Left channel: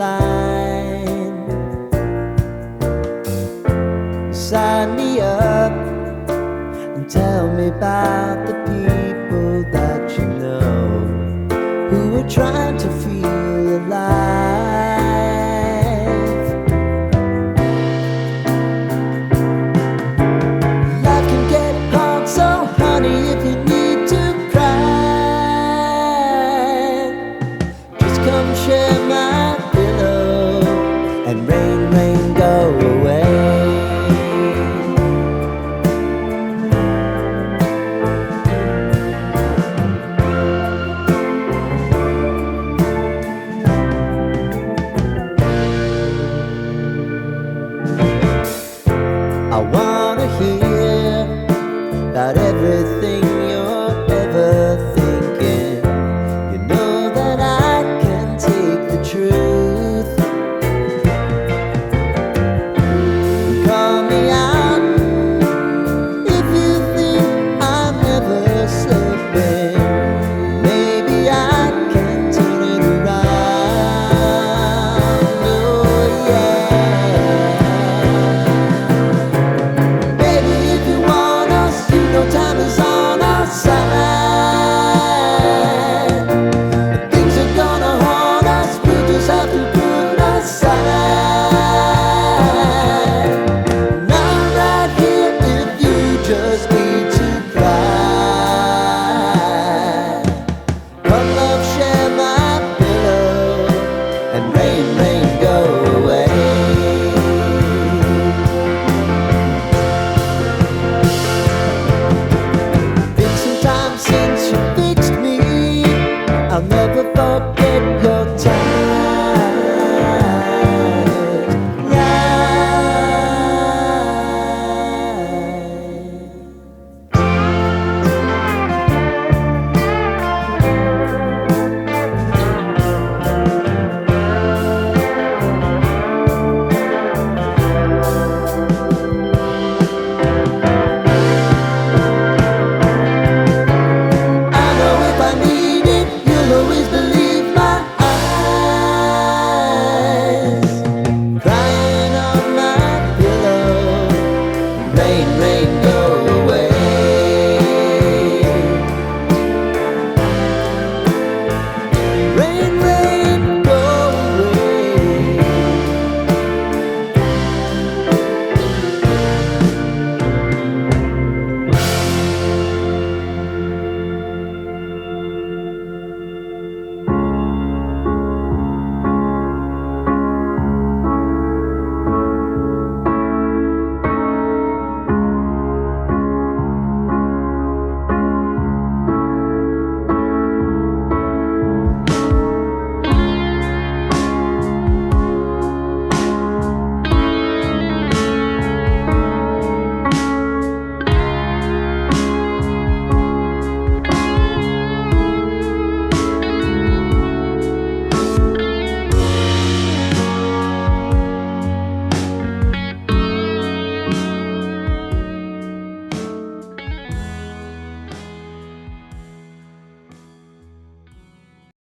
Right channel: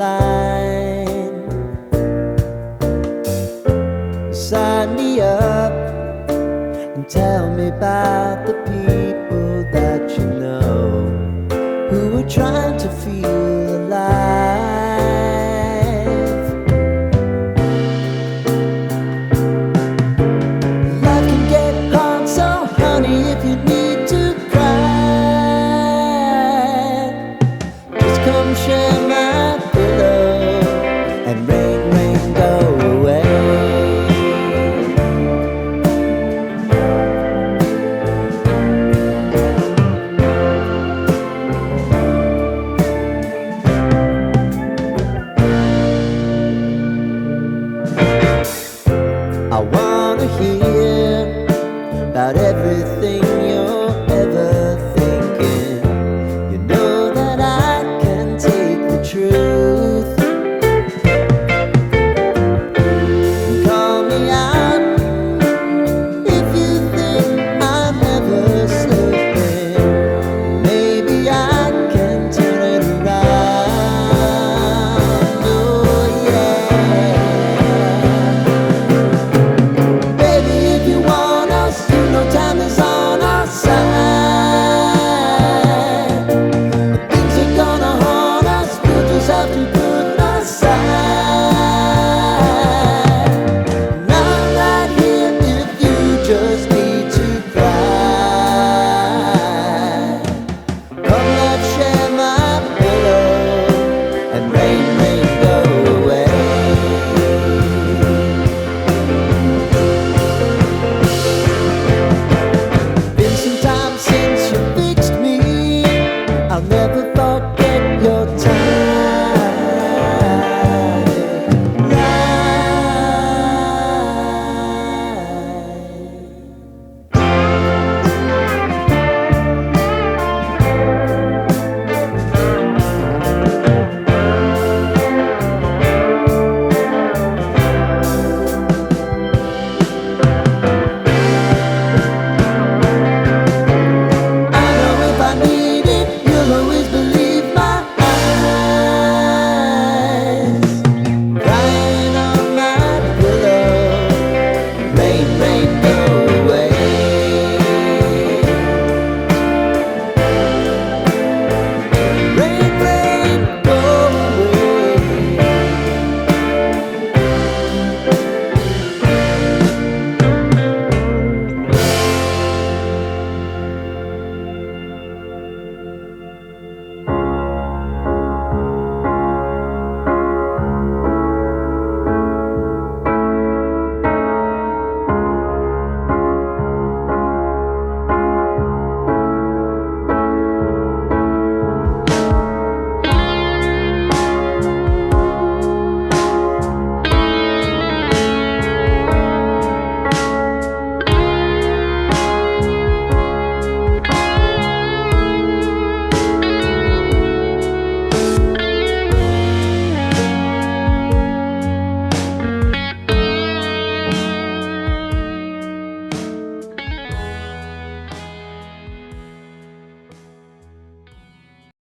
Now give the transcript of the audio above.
line. Sign me up and tell me about the people that you know who are trying to feel alive. Life can get hard, so honey, if you need to cry, just come share my pillow and rain, rain, go away. I wanna hear about everything you're ever thinking. You know that I can take the truth. Call me out if you think I'm ever slipping. Maybe I can turn it around. Oh yeah. Time is on our side. Things are gonna haunt us, we'll just have to put aside. And I'm right here if you just need to cry. Come love, share my pillow and rain, rain, go away. Since you fixed me, I'll never forget.